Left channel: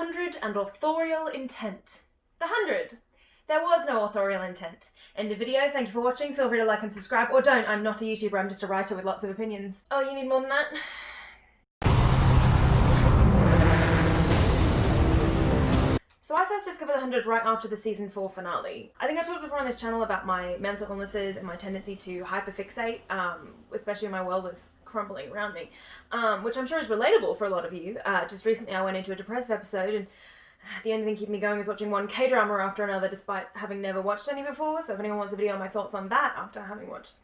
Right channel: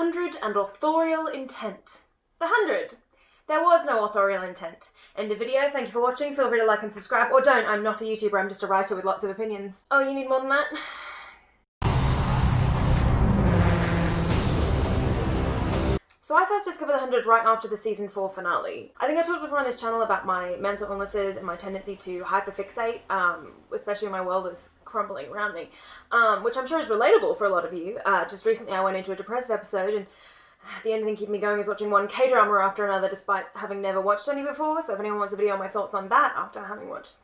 100 and authorial intent. The 100. There was no authorial intent. End of video, thank you for watching, feel free to like and subscribe, or don't, I'm not a YouTuber, I'm just a writer with lots of opinions. Oh, you need more than that? So I first discovered The 100 right after the season 4 finale. I think I talked before on this channel about my mental illnesses and my tendency to hyperfixate, especially when my world is crumbling around me, which I'm sure is relatable for a lot of you. Just recently I went into a depressive episode, and the only thing keeping me going is watching one K-drama after another despite having never watched any before, so if anyone wants a video on my thoughts on that after having watched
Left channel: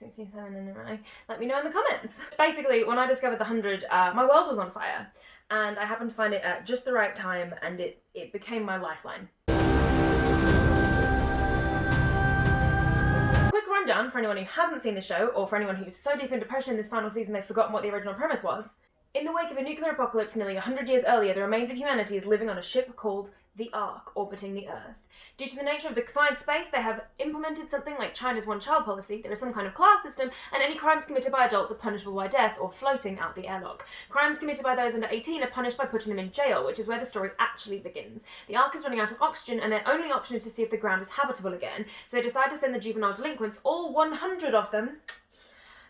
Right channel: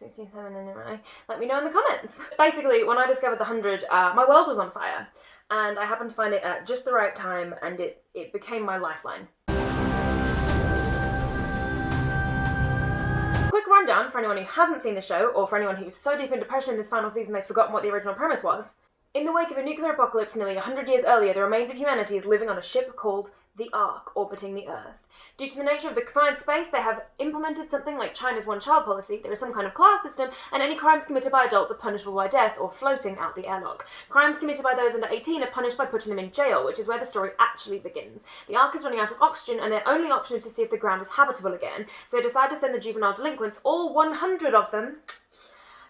67 anime, let me know in the comments. Basically, when I discovered The 100, my world was on fire, and I happened to find it at just the right time, and it became my lifeline. Quick rundown for anyone who hasn't seen the show, or for anyone who's so deep in depression in this final season they've forgotten what the original premise was. In the wake of a nuclear apocalypse nearly 100 years earlier, the remains of humanity is living on a ship called the Ark, orbiting the Earth. Due to the nature of the confined space, they have implemented something like China's one-child policy. There is some kind of class system, and any crimes committed by adults are punishable by death or floating out the airlock. Crimes committed by those under 18 are punished by putting them in jail, which is where the story actually begins. The Ark is running out of oxygen, and their only option is to see if the ground is habitable again, so they decide to send the juvenile delinquents, all 100 of them,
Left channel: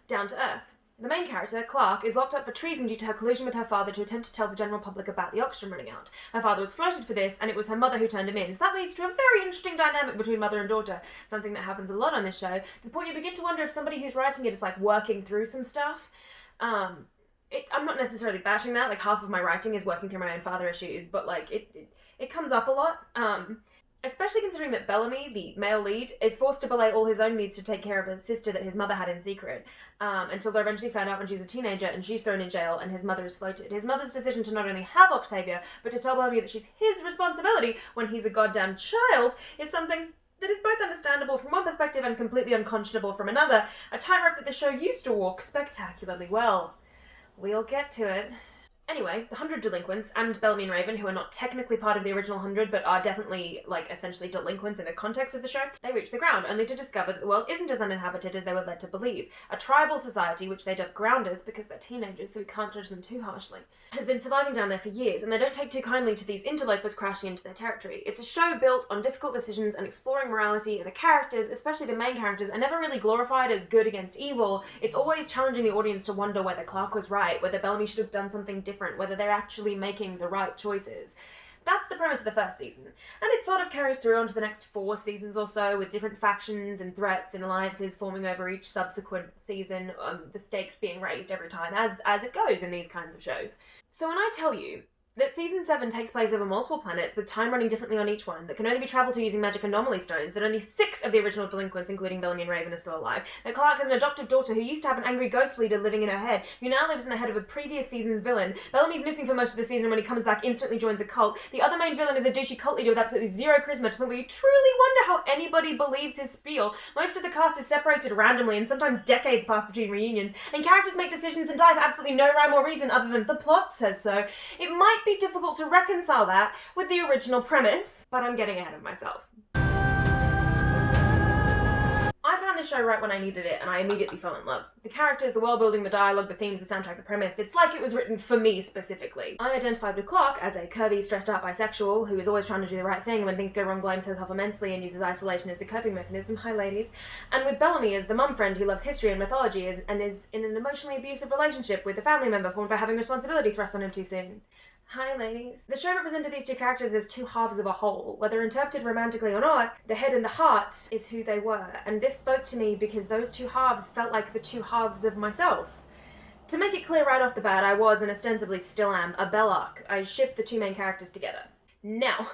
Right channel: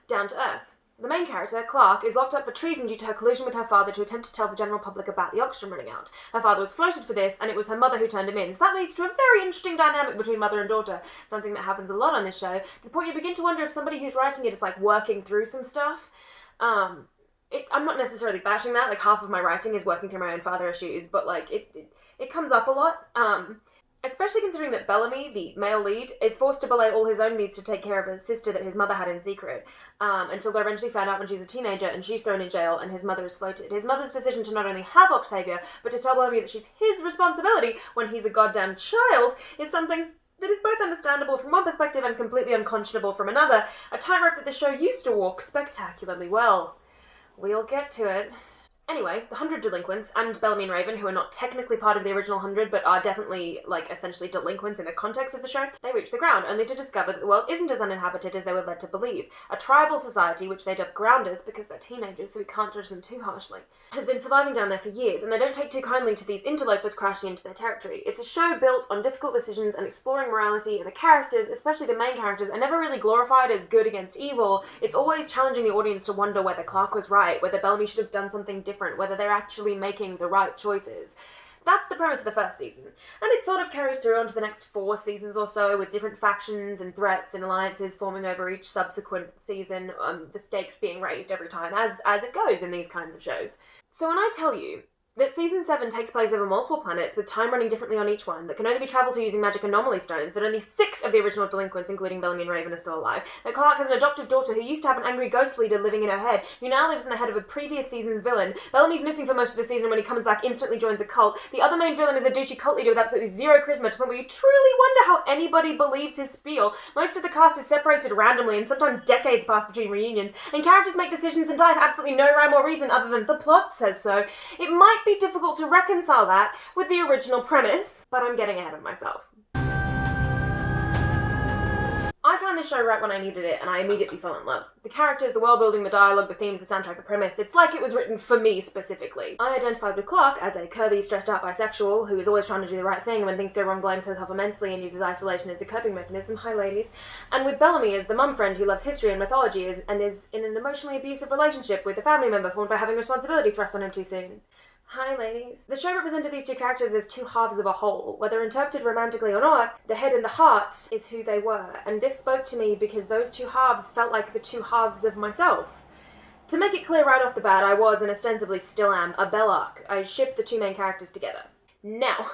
down to Earth. The main character, Clark, is locked up for treason due to her collusion with her father to attempt to tell the general public about the oxygen running out. Her father was floated for this, and it was her mother who turned him in. So that leads to a very interesting dynamic between mother and daughter, something that happens a lot on this show, to the point you begin to wonder if somebody who's writing it is like working through some stuff. I'm not necessarily bashing that, like half of my writing is working through my own father issues, but like it comes up a lot. Especially considering that Bellamy, the male lead, is forced to belay all his own needs to take care of his sister that his mother had in secret, until they're eventually found out when she's a teenager and she's thrown in jail and his mother is floated. His mother's decision to not only have Octavia, but to tell Bellamy that she's his responsibility when he's a goddamn child is something that is both understandable from one perspective and completely unconscionable from another, a tightrope that the show used to walk spectacularly well. We'll get to it. Anyway, the 100 delinquents, and Bellamy and Raven, who are not technically part of the original 100, but are definitely, like, essentially delinquents in the context of the show, they reach the ground, only to discover that the world isn't as uninhabited as they were led to believe. A tribal society, which they dub grounders, because they're teenagers, so we can't judge them too harshly, has been surviving down there for years, and they don't take too kindly to these interlopers crashing into their territory. It's a show built on difficult decisions and exploring morality, and the characters, especially the main characters, are never really glorified as good against evil. It's always challenging the audience to wonder whether Clark was right, whether Bellamy should have done something different, whether they're actually making the right choices. That's the premise of the first season, and it sort of carries through onto the next 4 seasons or so, with different factions and threats and alliances forming over each subsequent season, the stakes being raised every time, as it goes in these kinds of shows. So when I tell you that season 7 takes place over multiple planets, with time running differently on each one, that can only be travelled to using magic anomaly stones, that only 6 of the original delinquents, including Bellamy and Raven, are still alive, that Clark has an adoptive daughter who used to have an angry ghost leader living in her head, who now lives in the head of a previous season's villain, Bellamy's missing for most of the season, and when he comes back instantly joins a cult, the other main villain is a douchey cult leader with absolutely zero charisma, to the point where you truly wonder how anybody believes his spiel. Most of the cast is separated randomly, and sometimes decades pass between reunions, and characters make decisions and die for absolutely no rhyme or reason other than the plot says so. It might be difficult to reconcile that with the original premise, but I'm getting ahead of myself. I found this show right when I needed it, and I immediately fell in love. The characters, the world building, the dialogue, the themes, the soundtrack, the premise, it's like it was written for me specifically. I identified with Clark as a curvy, stressed out bisexual who is always trying to do the right thing, and when things go wrong blames herself immensely and uses isolation as a coping mechanism. Hi ladies. And with Bellamy as the mum friend who loves history and mythology and is in an emotionally abusive relationship with a family member formed by having responsibility thrust on him too soon. Hi ladies. The show represented these two characters as two halves of a whole. Whether interpreted romantically or not, the head and the heart is who they were, and this spoke to me because those two halves felt like the two halves of myself. To make it clear right off the bat, I was, and ostensibly still am, a Bellark. I shipped the two main characters together. Now,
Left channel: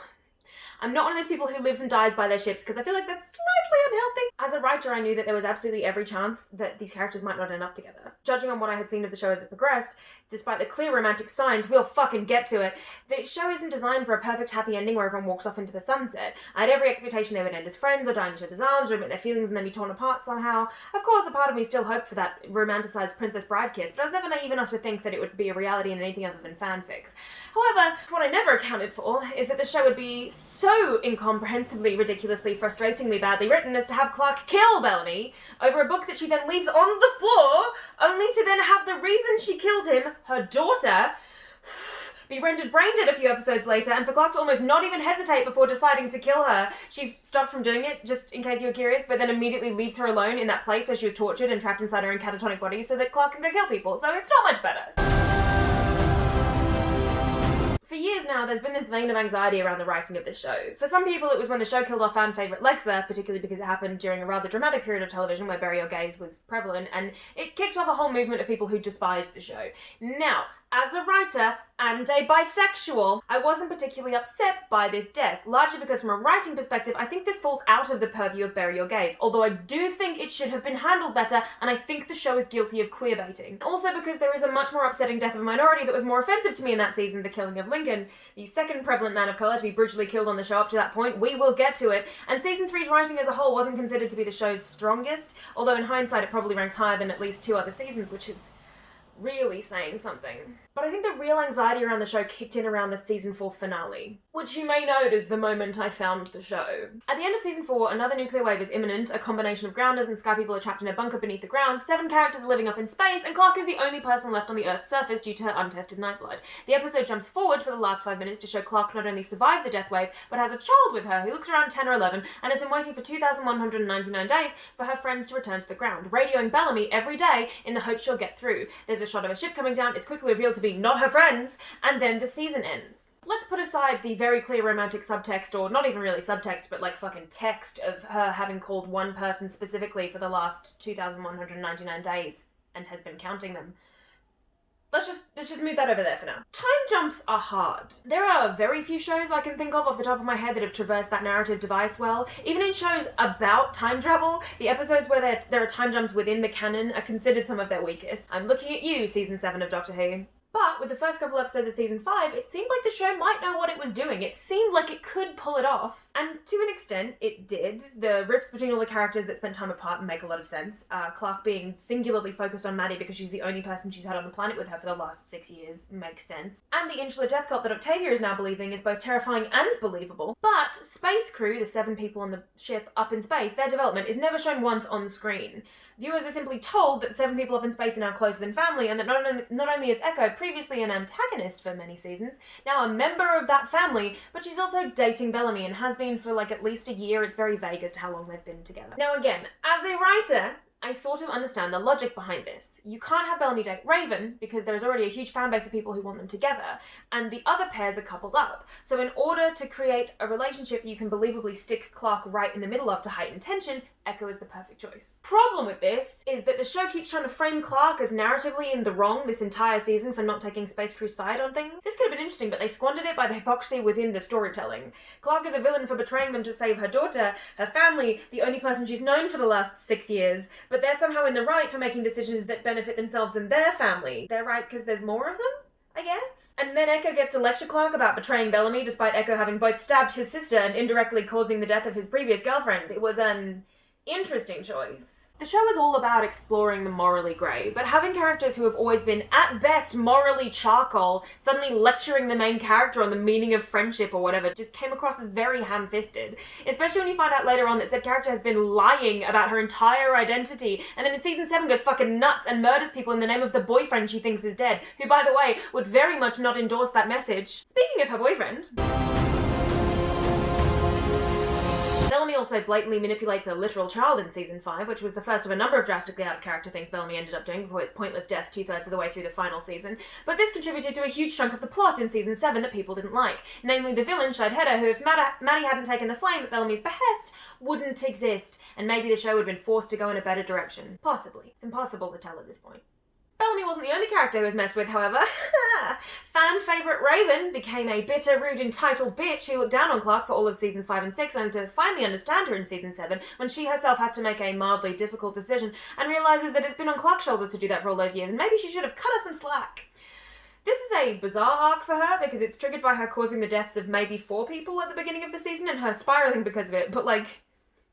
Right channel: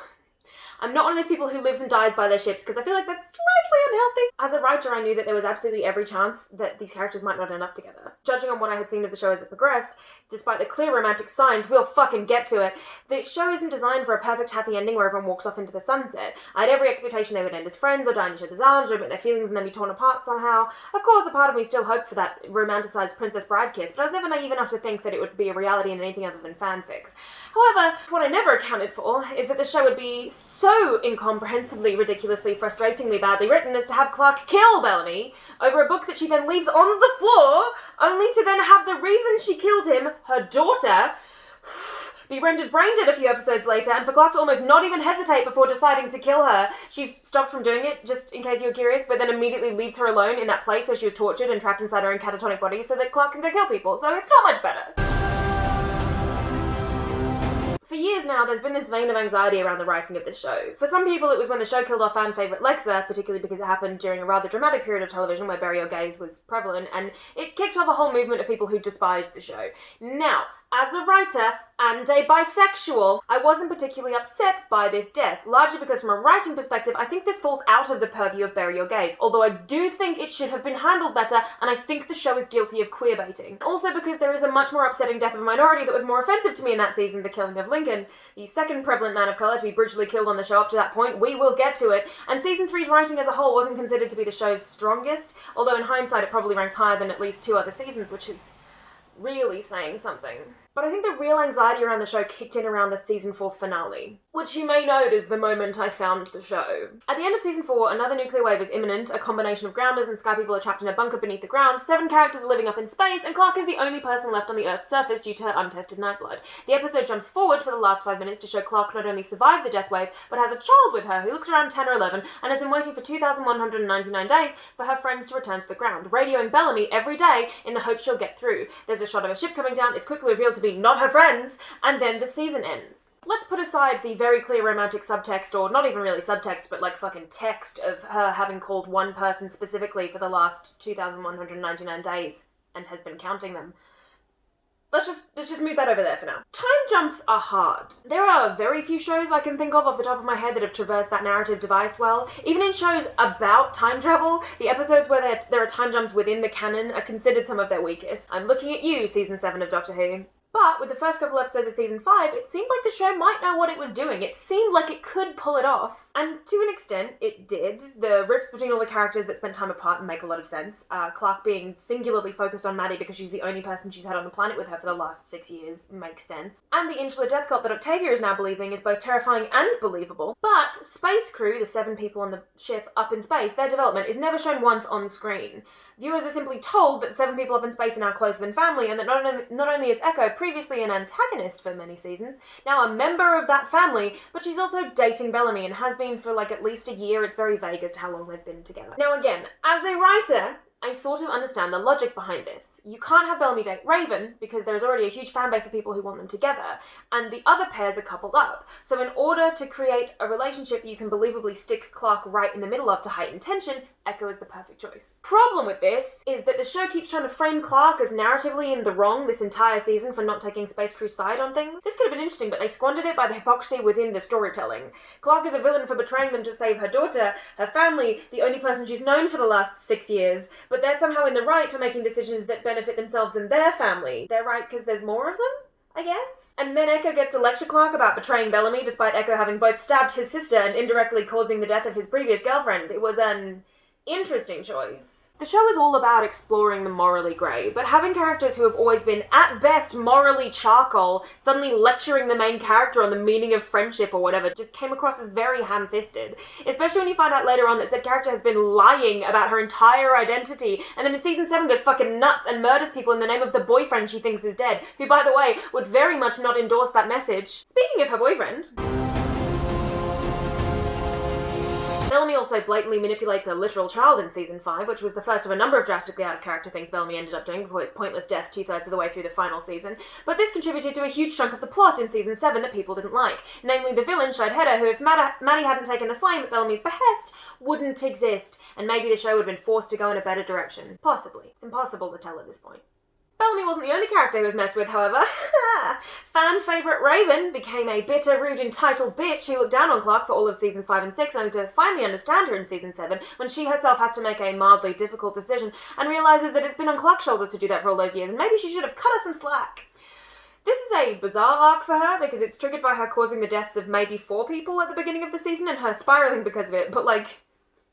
I'm not one of those people who lives and dies by their ships, because I feel like that's slightly unhealthy. As a writer, I knew that there was absolutely every chance that these characters might not end up together. Judging on what I had seen of the show as it progressed, despite the clear romantic signs, we'll fucking get to it, the show isn't designed for a perfect happy ending where everyone walks off into the sunset. I had every expectation they would end as friends, or die in each other's arms, or admit their feelings and then be torn apart somehow. Of course, a part of me still hoped for that romanticized Princess Bride kiss, but I was never naive enough to think that it would be a reality in anything other than fanfics. However, what I never accounted for is that the show would be so incomprehensibly, ridiculously, frustratingly badly written as to have Clark kill Bellamy over a book that she then leaves on the floor, only to then have the reason she killed him, her daughter, be rendered brain dead a few episodes later, and for Clark to almost not even hesitate before deciding to kill her. She's stopped from doing it, just in case you were curious, but then immediately leaves her alone in that place where she was tortured and trapped inside her own catatonic body so that Clark can go kill people, so it's not much better. For years now, there's been this vein of anxiety around the writing of this show. For some people, it was when the show killed off fan favourite Lexa, particularly because it happened during a rather dramatic period of television where bury your gays was prevalent, and it kicked off a whole movement of people who despised the show. Now, as a writer and a bisexual, I wasn't particularly upset by this death, largely because from a writing perspective, I think this falls out of the purview of bury your gays, although I do think it should have been handled better, and I think the show is guilty of queerbaiting. Also because there is a much more upsetting death of a minority that was more offensive to me in that season, the killing of Lincoln, the second prevalent man of colour to be brutally killed on the show up to that point. We will get to it, and season 3's writing as a whole wasn't considered to be the show's strongest, although in hindsight it probably ranks higher than at least 2 other seasons, which is really saying something. But I think the real anxiety around the show kicked in around the season 4 finale, which you may note is the moment I found the show. At the end of season 4, another nuclear wave is imminent, a combination of grounders and sky people are trapped in a bunker beneath the ground, 7 characters are living up in space, and Clark is the only person left on the Earth's surface due to her untested nightblood. The episode jumps forward for the last 5 minutes to show Clark not only survived the death wave, but has a child with her who looks around 10 or 11 and has been waiting for 2,199 days for her friends to return to the ground, radioing Bellamy every day in the hope she'll get through. There's a shot of a ship coming down, it's quickly revealed to be not her friends, and then the season ends. Let's put aside the very clear romantic subtext, or not even really subtext, but like fucking text of her having called one person specifically for the last 2,199 days and has been counting them. Let's just move that over there for now. Time jumps are hard. There are very few shows I can think of off the top of my head that have traversed that narrative device well. Even in shows about time travel, the episodes where there are time jumps within the canon are considered some of their weakest. I'm looking at you, season 7 of Doctor Who. But with the first couple episodes of season 5, it seemed like the show might know what it was doing. It seemed like it could pull it off. And to an extent, it did. The rifts between all the characters that spent time apart make a lot of sense. Clark being singularly focused on Maddie because she's the only person she's had on the planet with her for the last 6 years makes sense. And the insular death cult that Octavia is now believing is both terrifying and believable. But Space Crew, the 7 people on the ship up in space, their development is never shown once on screen. Viewers are simply told that 7 people up in space are now closer than family, and that not only is Echo, previously an antagonist for many seasons, now a member of that family, but she's also dating Bellamy and has been for like at least a year. It's very vague as to how long they've been together. Now again, as a writer, I sort of understand the logic behind this. You can't have Bellamy date Raven because there is already a huge fan base of people who want them together, and the other pairs are coupled up. So in order to create a relationship you can believably stick Clark right in the middle of to heighten tension, Echo is the perfect choice. Problem with this is that the show keeps trying to frame Clark as narratively in the wrong this entire season for not taking Space Crew's side on things. This could have been interesting, but they squandered it by the hypocrisy within the storytelling. Clark is a villain for betraying them to save her daughter, her family, the only person she's known for the last 6 years, but they're somehow in the right for making decisions that benefit themselves and their family. They're right because there's more of them? I guess? And then Echo gets to lecture Clark about betraying Bellamy despite Echo having both stabbed his sister and indirectly causing the death of his previous girlfriend. It was an interesting choice. The show is all about exploring the morally grey, but having characters who have always been, at best, morally charcoal, suddenly lecturing the main character on the meaning of friendship or whatever just came across as very ham-fisted. Especially when you find out later on that said character has been lying about her entire identity, and then in season 7 goes fucking nuts and murders people in the name of the boyfriend she thinks is dead, who, by the way, would very much not endorse that message. Speaking of her boyfriend... Bellamy also blatantly manipulates a literal child in season 5, which was the first of a number of drastically out-of-character things Bellamy ended up doing before his pointless death 2/3 of the way through the final season, but this contributed to a huge chunk of the plot in season 7 that people didn't like, namely the villain, Schitt, who if Maddie hadn't taken the flame at Bellamy's behest, wouldn't exist, and maybe the show would have been forced to go in a better direction. Possibly. It's impossible to tell at this point. Bellamy wasn't the only character who was messed with, however. Fan favourite Raven became a bitter, rude, entitled bitch who looked down on Clark for all of seasons 5 and 6, only to finally understand her in season 7, when she herself has to make a mildly difficult decision, and realises that it's been on Clark's shoulders to do that for all those years, and maybe she should have cut her some slack. This is a bizarre arc for her, because it's triggered by her causing the deaths of maybe 4 people at the beginning of the season, and her spiralling because of it, but like...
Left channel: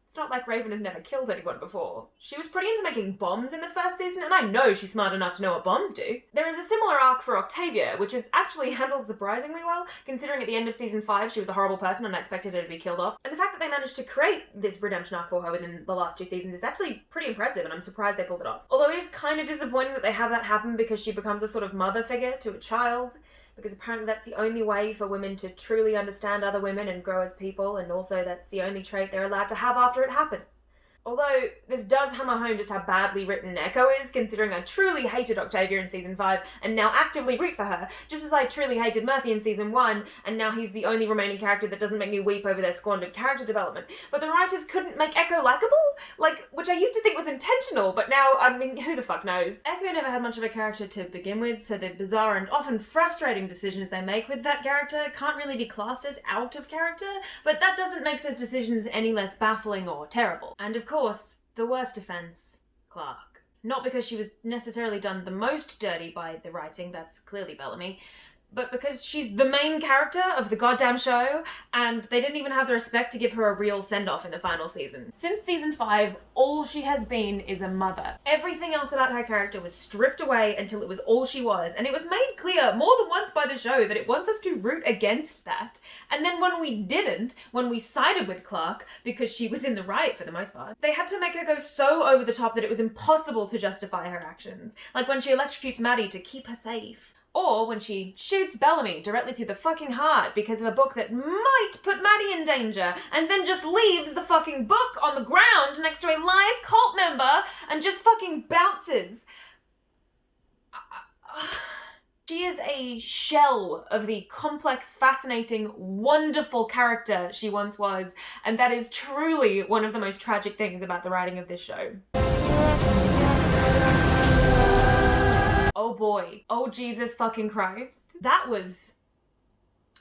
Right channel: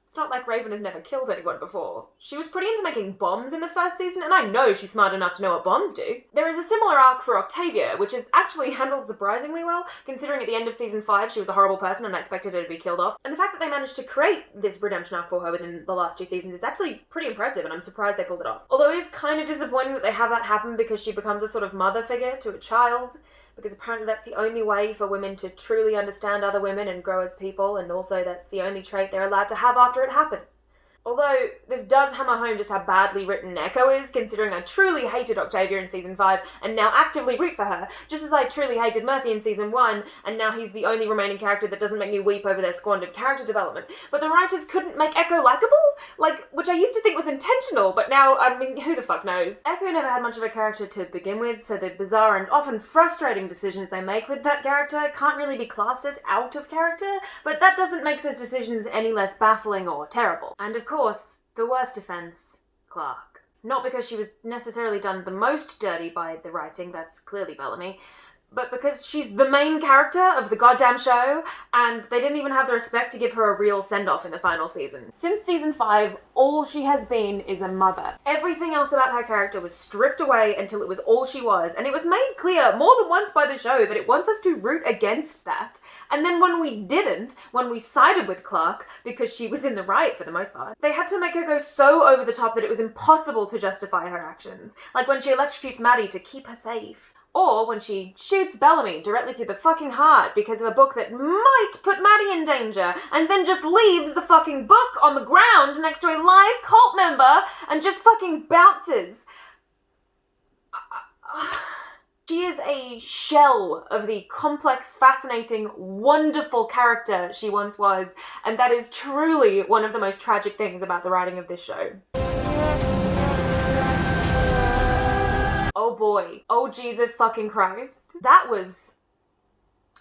It's not like Raven has never killed anyone before. She was pretty into making bombs in the first season, and I know she's smart enough to know what bombs do. There is a similar arc for Octavia, which is actually handled surprisingly well, considering at the end of season 5 she was a horrible person and I expected her to be killed off. And the fact that they managed to create this redemption arc for her within the last 2 seasons is actually pretty impressive, and I'm surprised they pulled it off. Although it is kind of disappointing that they have that happen because she becomes a sort of mother figure to a child. because apparently that's the only way for women to truly understand other women and grow as people, and also that's the only trait they're allowed to have after it happens. Although, this does hammer home just how badly written Echo is, considering I truly hated Octavia in Season 5, and now actively root for her, just as I truly hated Murphy in Season 1, and now he's the only remaining character that doesn't make me weep over their squandered character development. But the writers couldn't make Echo likeable? Which I used to think was intentional, but now, I mean, who the fuck knows? Echo never had much of a character to begin with, so the bizarre and often frustrating decisions they make with that character can't really be classed as out of character, but that doesn't make those decisions any less baffling or terrible. And of course, the worst offence, Clark. Not because she was necessarily done the most dirty by the writing, that's clearly Bellamy, but because she's the main character of the goddamn show, and they didn't even have the respect to give her a real send-off in the final season. Since Season 5, all she has been is a mother. Everything else about her character was stripped away until it was all she was, and it was made clear more than once by the show that it wants us to root against that. And then when we didn't, when we sided with Clark, because she was in the right for the most part, they had to make her go so over the top that it was impossible to justify her actions. Like when she electrocutes Maddie to keep her safe. Or when she shoots Bellamy directly through the fucking heart because of a book that might put Maddie in danger, and then just leaves the fucking book on the ground next to a live cult member and just fucking bounces. She is a shell of the complex, fascinating, wonderful character she once was, and that is truly one of the most tragic things about the writing of this show. Oh boy. Oh Jesus fucking Christ. That was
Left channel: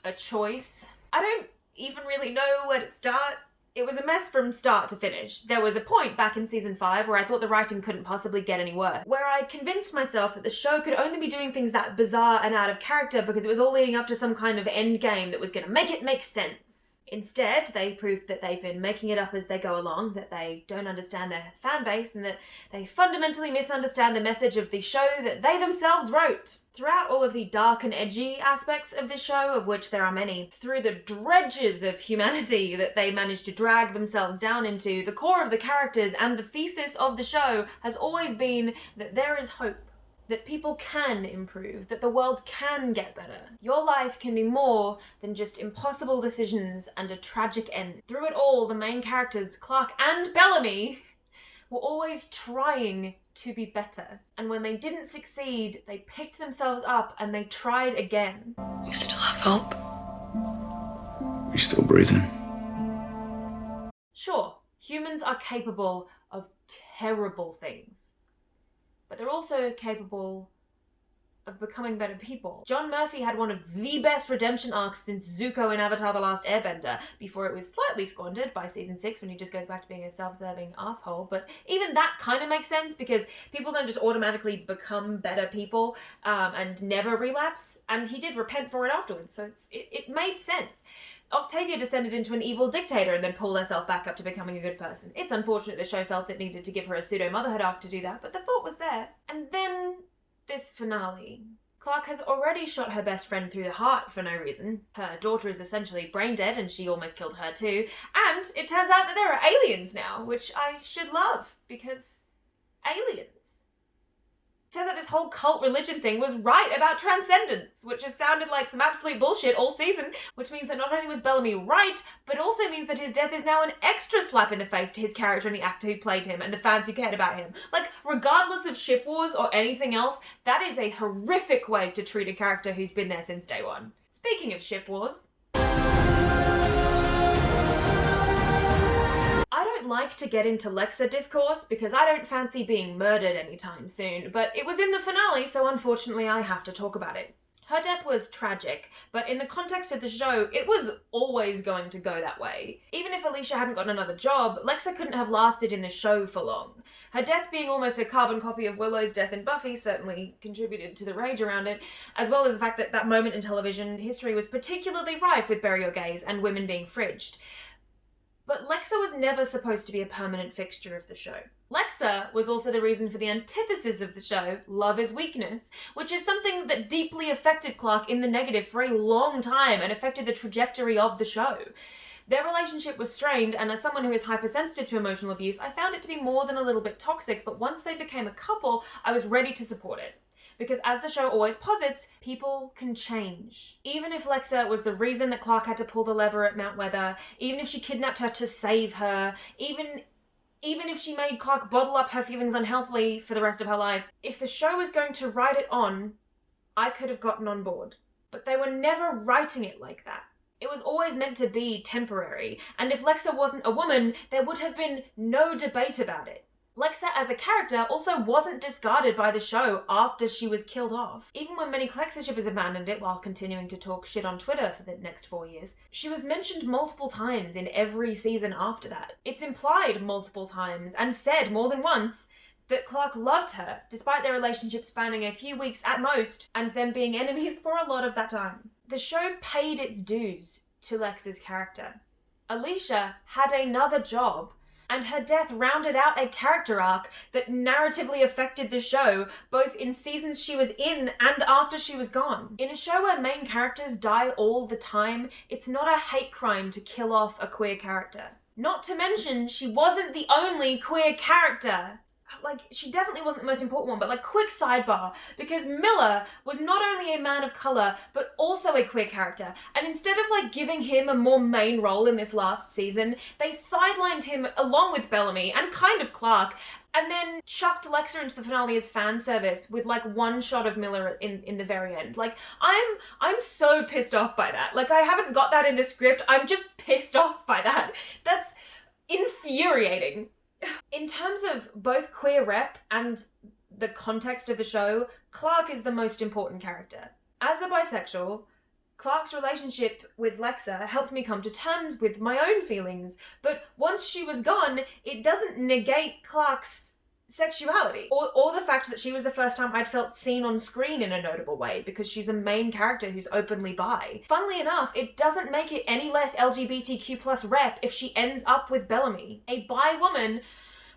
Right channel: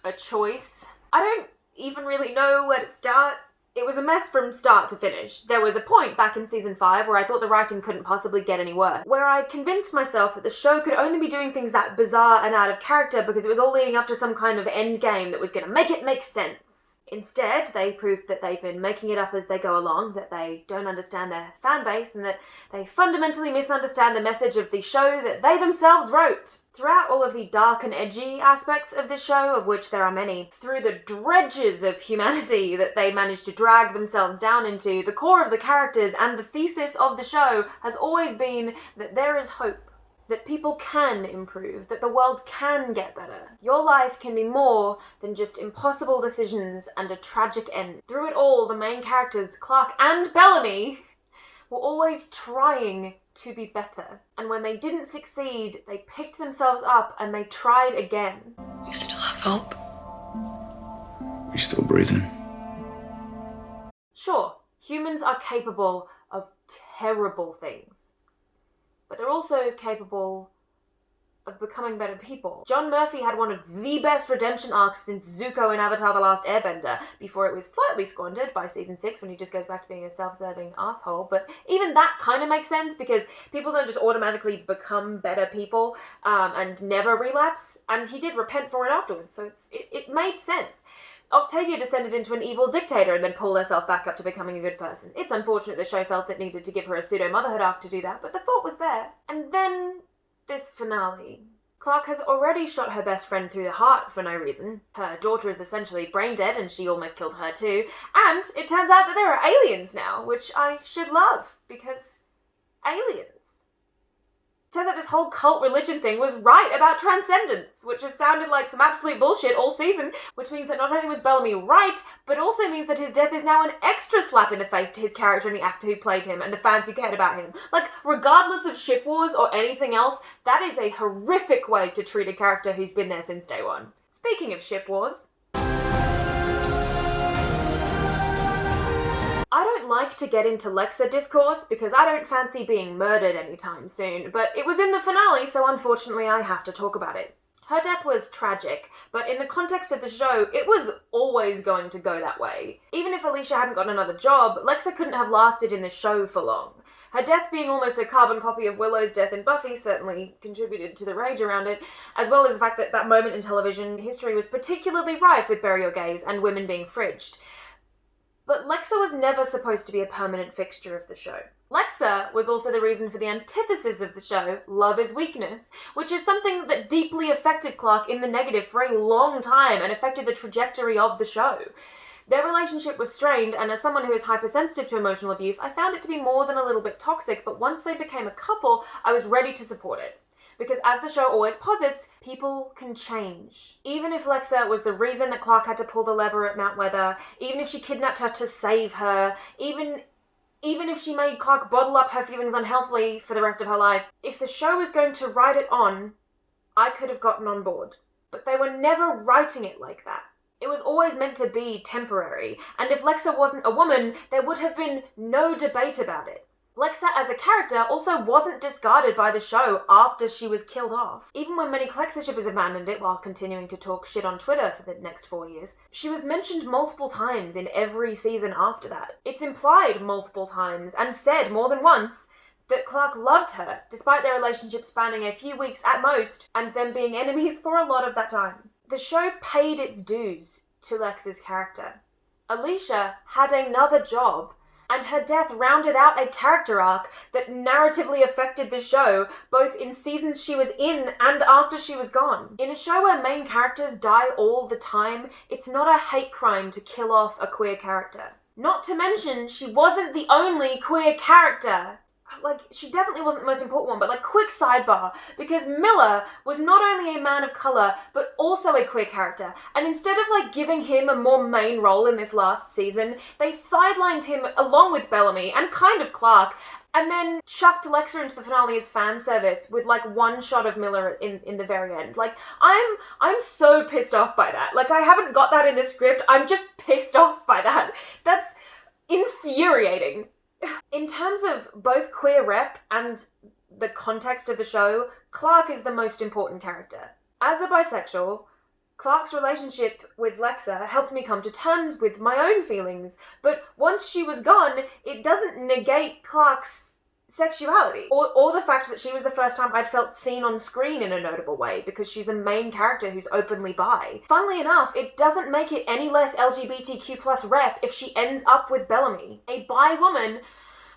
a choice. I don't even really know where to start. It was a mess from start to finish. There was a point back in Season 5 where I thought the writing couldn't possibly get any worse, where I convinced myself that the show could only be doing things that bizarre and out of character because it was all leading up to some kind of end game that was gonna make it make sense. Instead, they proved that they've been making it up as they go along, that they don't understand their fan base, and that they fundamentally misunderstand the message of the show that they themselves wrote. Throughout all of the dark and edgy aspects of this show, of which there are many, through the dredges of humanity that they managed to drag themselves down into, the core of the characters and the thesis of the show has always been that there is hope. That people can improve, that the world can get better. Your life can be more than just impossible decisions and a tragic end. Through it all, the main characters, Clark and Bellamy, were always trying to be better. And when they didn't succeed, they picked themselves up and they tried again. You still have hope. We still breathing. Sure, humans are capable of terrible things. But they're also capable of becoming better people. John Murphy had one of the best redemption arcs since Zuko in Avatar: The Last Airbender, before it was slightly squandered by Season 6 when he just goes back to being a self-serving asshole. But even that kind of makes sense because people don't just automatically become better people and never relapse, and he did repent for it afterwards, so it made sense. Octavia descended into an evil dictator and then pulled herself back up to becoming a good person. It's unfortunate the show felt it needed to give her a pseudo-motherhood arc to do that, but the thought was there. And then this finale. Clark has already shot her best friend through the heart for no reason. Her daughter is essentially brain dead and she almost killed her too. And it turns out that there are aliens now, which I should love, because aliens. Turns out this whole cult religion thing was right about Transcendence, which has sounded like some absolute bullshit all season, which means that not only was Bellamy right, but also means that his death is now an extra slap in the face to his character and the actor who played him and the fans who cared about him. Like, regardless of ship wars or anything else, that is a horrific way to treat a character who's been there since day one. Speaking of ship wars, I don't like to get into Lexa discourse because I don't fancy being murdered anytime soon, but it was in the finale, so unfortunately I have to talk about it. Her death was tragic, but in the context of the show, it was always going to go that way. Even if Alicia hadn't got another job, Lexa couldn't have lasted in the show for long. Her death being almost a carbon copy of Willow's death in Buffy certainly contributed to the rage around it, as well as the fact that that moment in television history was particularly rife with bury your gays and women being fridged. But Lexa was never supposed to be a permanent fixture of the show. Lexa was also the reason for the antithesis of the show, love is weakness, which is something that deeply affected Clark in the negative for a long time and affected the trajectory of the show. Their relationship was strained, and as someone who is hypersensitive to emotional abuse, I found it to be more than a little bit toxic, but once they became a couple, I was ready to support it. because as the show always posits, people can change. Even if Lexa was the reason that Clark had to pull the lever at Mount Weather, even if she kidnapped her to save her, even if she made Clark bottle up her feelings unhealthily for the rest of her life, if the show was going to write it on, I could have gotten on board. But they were never writing it like that. It was always meant to be temporary, and if Lexa wasn't a woman, there would have been no debate about it. Lexa as a character also wasn't discarded by the show after she was killed off. Even when many clexa shippers abandoned it while continuing to talk shit on Twitter for the next 4 years, she was mentioned multiple times in every season after that. It's implied multiple times, and said more than once, that Clark loved her, despite their relationship spanning a few weeks at most, and them being enemies for a lot of that time. The show paid its dues to Lexa's character. Alicia had another job, and her death rounded out a character arc that narratively affected the show, both in seasons she was in and after she was gone. In a show where main characters die all the time, it's not a hate crime to kill off a queer character. Not to mention, she wasn't the only queer character. Like, she definitely wasn't the most important one, but like, quick sidebar, because Miller was not only a man of colour, but also a queer character, and instead of like giving him a more main role in this last season, they sidelined him along with Bellamy, and kind of Clark, and then chucked Lexa into the finale as fan service with like one shot of Miller in the very end. Like, I'm so pissed off by that. Like, I haven't got that in the script, I'm just pissed off by that. That's infuriating. In terms of both queer rep and the context of the show, Clark is the most important character. As a bisexual, Clark's relationship with Lexa helped me come to terms with my own feelings, but once she was gone, it doesn't negate Clark's sexuality, or the fact that she was the first time I'd felt seen on screen in a notable way, because she's a main character who's openly bi. Funnily enough, it doesn't make it any less LGBTQ plus rep if she ends up with Bellamy. A bi woman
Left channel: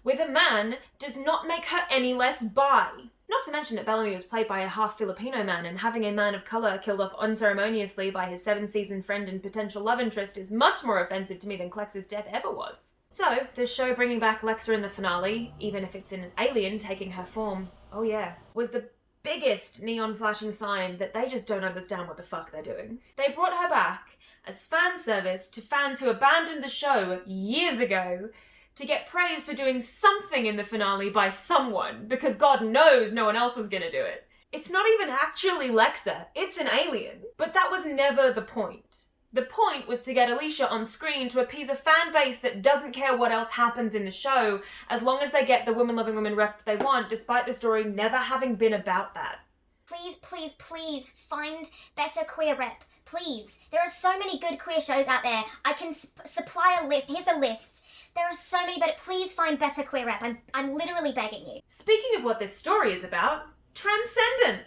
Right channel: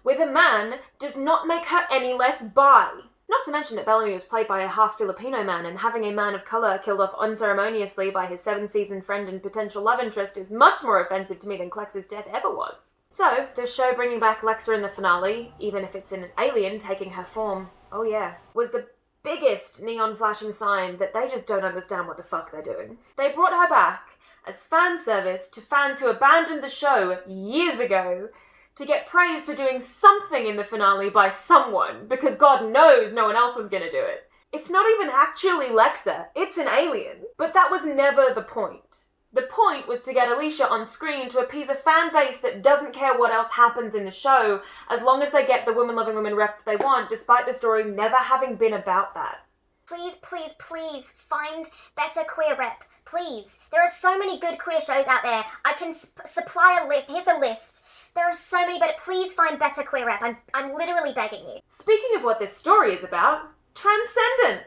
with a man does not make her any less bi. Not to mention that Bellamy was played by a half Filipino man, and having a man of colour killed off unceremoniously by his 7-season friend and potential love interest is much more offensive to me than Clexa's death ever was. So, the show bringing back Lexa in the finale, even if it's an alien taking her form, oh yeah, was the biggest neon flashing sign that they just don't understand what the fuck they're doing. They brought her back as fan service to fans who abandoned the show years ago to get praise for doing something in the finale by someone, because God knows no one else was gonna do it. It's not even actually Lexa, it's an alien. But that was never the point. The point was to get Alicia on screen to appease a fan base that doesn't care what else happens in the show, as long as they get the women-loving women rep they want, despite the story never having been about that. Please, please, please find better queer rep. Please. There are so many good queer shows out there. I can supply a list. Here's a list. There are so many, but please find better queer rep. I'm literally begging you. Speaking of what this story is about, Transcendence.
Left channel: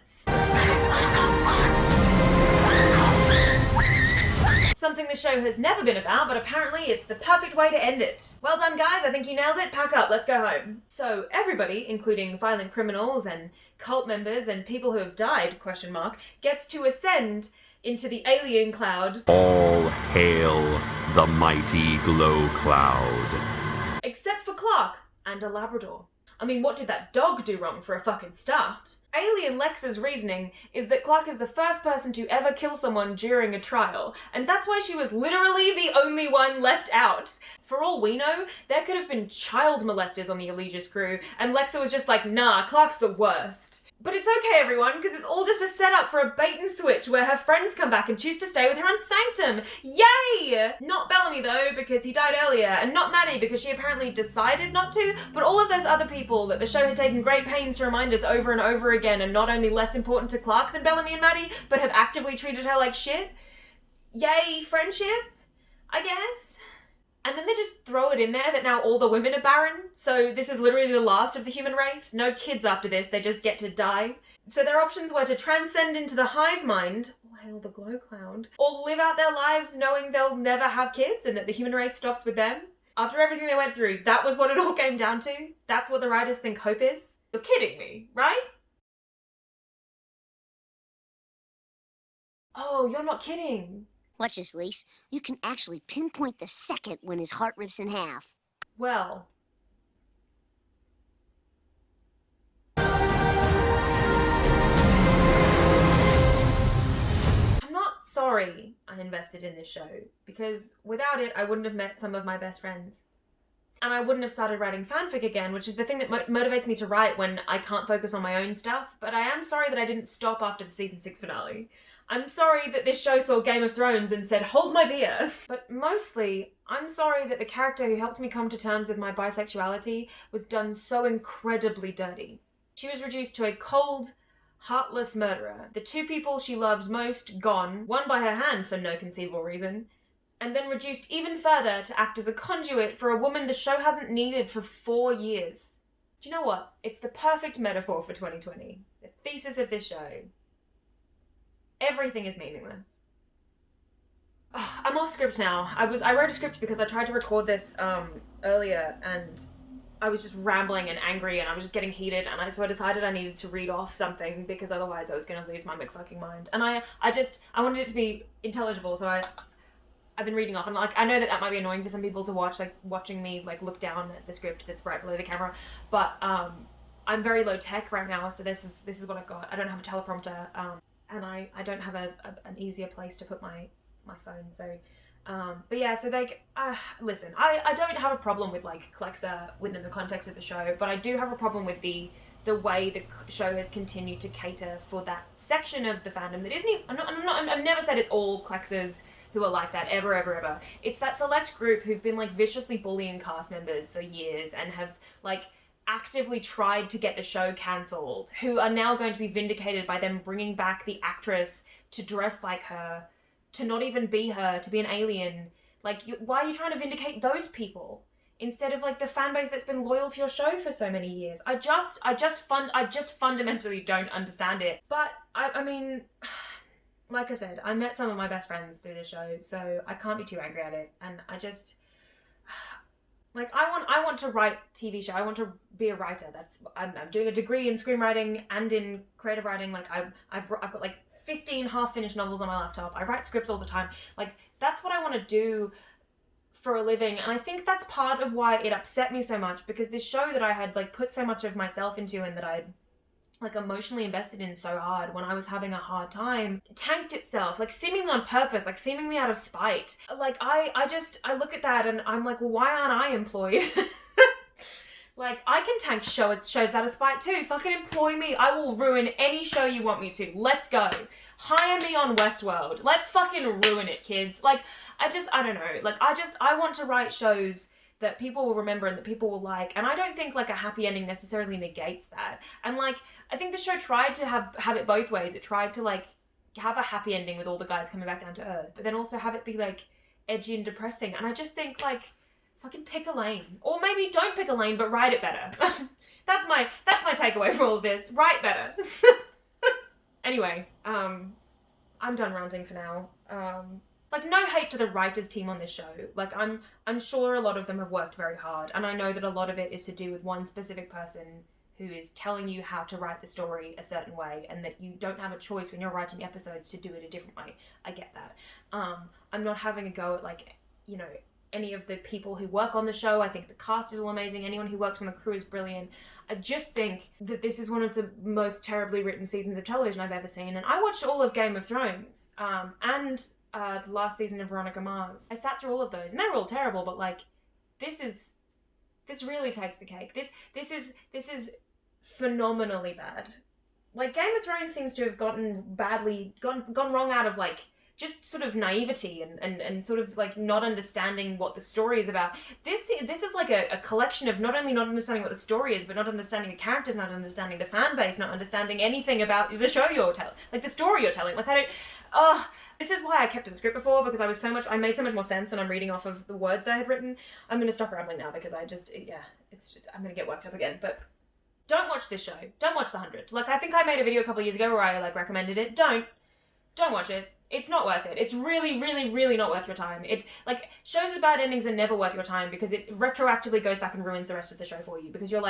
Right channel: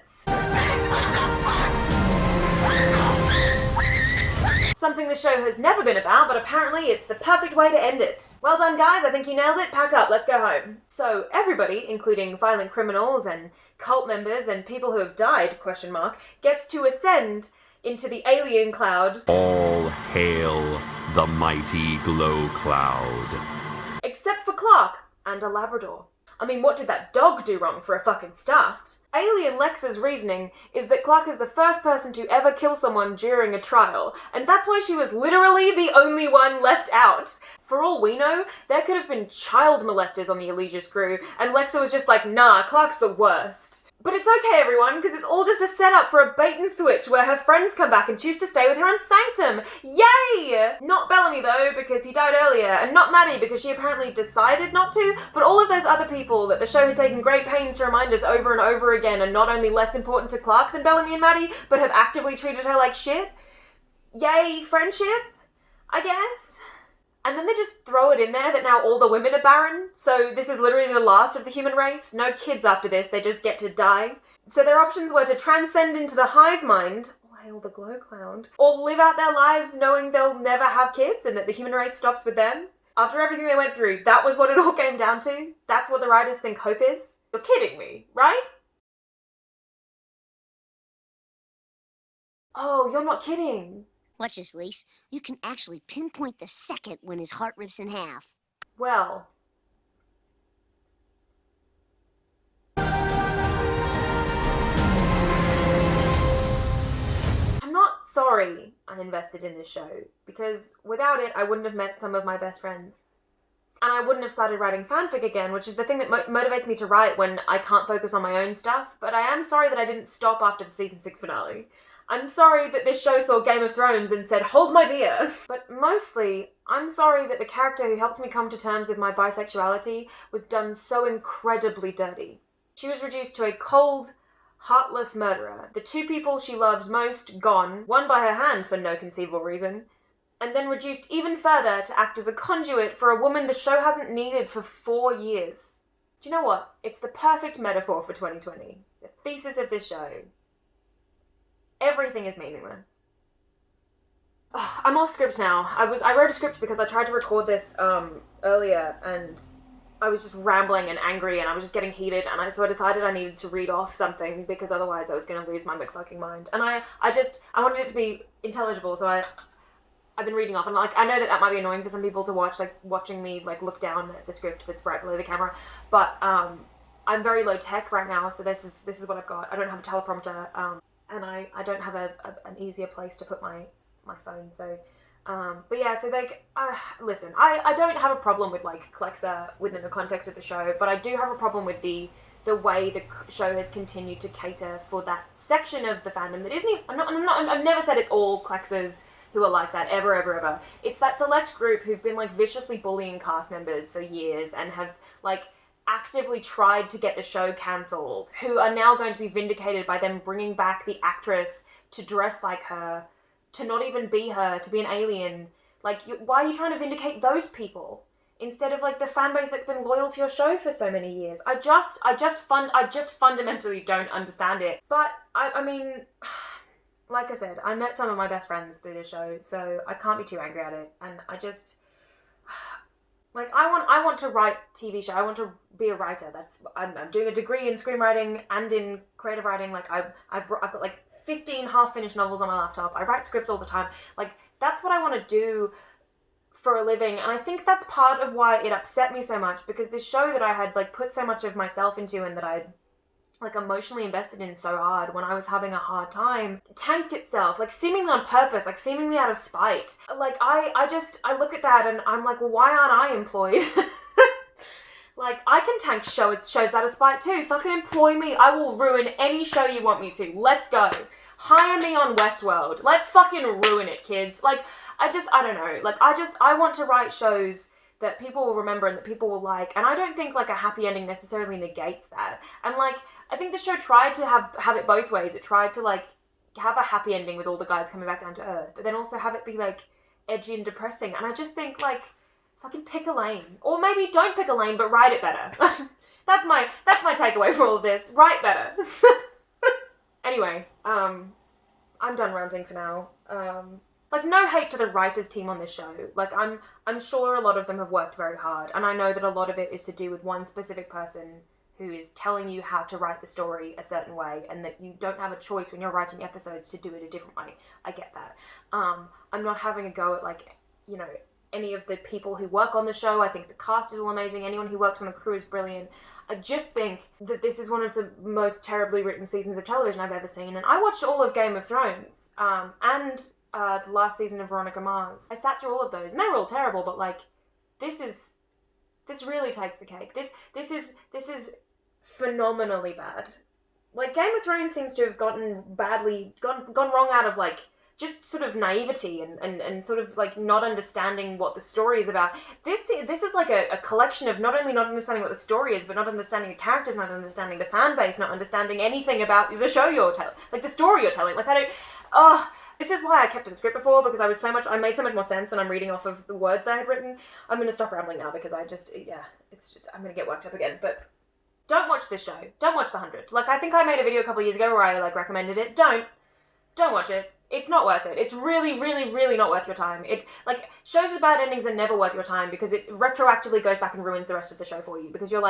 Something the show has never been about, but apparently it's the perfect way to end it. Well done, guys, I think you nailed it. Pack up, let's go home. So everybody, including violent criminals and cult members and people who have died, gets to ascend into the alien cloud. All hail the mighty glow cloud. Except for Clark and a Labrador. I mean, what did that dog do wrong for a fucking start? Alien Lexa's reasoning is that Clark is the first person to ever kill someone during a trial, and that's why she was literally the only one left out. For all we know, there could have been child molesters on the Aegis crew, and Lexa was just like, nah, Clark's the worst. But it's okay, everyone, because it's all just a setup for a bait and switch where her friends come back and choose to stay with her on Sanctum. Yay! Not Bellamy, though, because he died earlier, and not Maddie, because she apparently decided not to, but all of those other people that the show had taken great pains to remind us over and over again are not only less important to Clark than Bellamy and Maddie, but have actively treated her like shit. Yay, friendship, I guess. And then they just throw it in there that now all the women are barren. So this is literally the last of the human race. No kids after this, they just get to die. So their options were to transcend into the hive mind, oh hail the glow cloud, or live out their lives knowing they'll never have kids and that the human race stops with them. After everything they went through, that was what it all came down to? That's what the writers think hope is? You're kidding me, right? Oh, you're not kidding. Watch this, Lise. You can actually pinpoint the second when his heart rips in half. Well. sorry I invested in this show, because without it, I wouldn't have met some of my best friends. And I wouldn't have started writing fanfic again, which is the thing that motivates me to write when I can't focus on my own stuff. But I am sorry that I didn't stop after the season 6 finale. I'm sorry that this show saw Game of Thrones and said, hold my beer. But mostly, I'm sorry that the character who helped me come to terms with my bisexuality was done so incredibly dirty. She was reduced to a cold, heartless murderer. The two people she loved most gone, one by her hand for no conceivable reason, and then reduced even further to act as a conduit for a woman the show hasn't needed for 4 years. Do you know what? It's the perfect metaphor for 2020. The thesis of this show. Everything is meaningless. Ugh, I'm off script now. I wrote a script because I tried to record this earlier and I was just rambling and angry and I was just getting heated, and so I decided I needed to read off something because otherwise I was going to lose my McFucking mind. And I wanted it to be intelligible, so I've been reading off, and I know that might be annoying for some people to watch, watching me look down at the script that's right below the camera, but I'm very low tech right now, so this is what I've got. I don't have a teleprompter, and I don't have an easier place to put my phone, so but yeah, so listen, I don't have a problem with clexa within the context of the show, but I do have a problem with the way the show has continued to cater for that section of the fandom that isn't. I've never said it's all clexas who are like that, ever. It's that select group who've been viciously bullying cast members for years and have actively tried to get the show cancelled, who are now going to be vindicated by them bringing back the actress to dress like her, to not even be her, to be an alien. Why are you trying to vindicate those people instead of the fan base that's been loyal to your show for so many years? I just fundamentally don't understand it. But I mean, like I said, I met some of my best friends through this show, so I can't be too angry at it. And I just, I want to write TV show. I want to be a writer. I'm doing a degree in screenwriting and in creative writing. I've got 15 half-finished novels on my laptop. I write scripts all the time. That's what I want to do for a living. And I think that's part of why it upset me so much, because this show that I had put so much of myself into and that I'd emotionally invested in so hard when I was having a hard time, tanked itself, seemingly on purpose, seemingly out of spite. I look at that and I'm well, why aren't I employed? I can tank shows out of spite too. Fucking employ me. I will ruin any show you want me to. Let's go. Hire me on Westworld. Let's fucking ruin it, kids. I don't know. I want to write shows that people will remember and that people will like. And I don't think a happy ending necessarily negates that. And I think the show tried to have it both ways. It tried to have a happy ending with all the guys coming back down to earth, but then also have it be edgy and depressing. And I just think fucking pick a lane. Or maybe don't pick a lane, but write it better. That's my takeaway from all of this. Write better. Anyway, I'm done ranting for now. No hate to the writers team on this show. I'm sure a lot of them have worked very hard, and I know that a lot of it is to do with one specific person who is telling you how to write the story a certain way, and that you don't have a choice when you're writing episodes to do it a different way. I get that. I'm not having a go at any of the people who work on the show. I think the cast is all amazing. Anyone who works on the crew is brilliant. I just think that this is one of the most terribly written seasons of television I've ever seen, and I watched all of Game of Thrones, and the last season of Veronica Mars. I sat through all of those, and they were all terrible, but this really takes the cake. This is phenomenally bad. Game of Thrones seems to have gone wrong out of just sort of naivety and sort of not understanding what the story is about. This is a collection of not only not understanding what the story is, but not understanding the characters, not understanding the fan base, not understanding anything about the show you're telling, the story you're telling. This is why I kept to the script before, because I made so much more sense, and I'm reading off of the words that I had written. I'm going to stop rambling now because I'm going to get worked up again. But don't watch this show. Don't watch The 100. I think I made a video a couple of years ago where I recommended it. Don't watch it. It's not worth it. It's really, really, really not worth your time. Shows with bad endings are never worth your time, because it retroactively goes back and ruins the rest of the show for you, because you're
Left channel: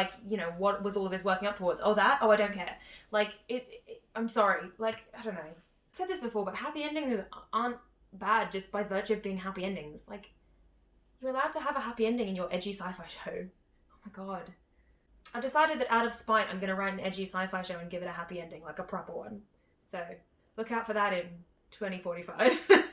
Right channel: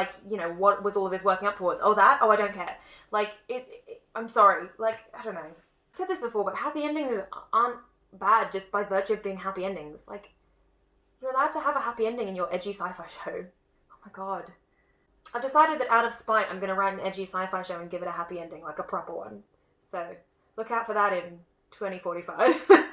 what was all of this working up towards? Oh, that? Oh, I don't care. I'm sorry. I don't know. I've said this before, but happy endings aren't bad just by virtue of being happy endings. You're allowed to have a happy ending in your edgy sci-fi show. Oh my god. I've decided that out of spite, I'm going to write an edgy sci-fi show and give it a happy ending, a proper one. So, look out for that in 2045.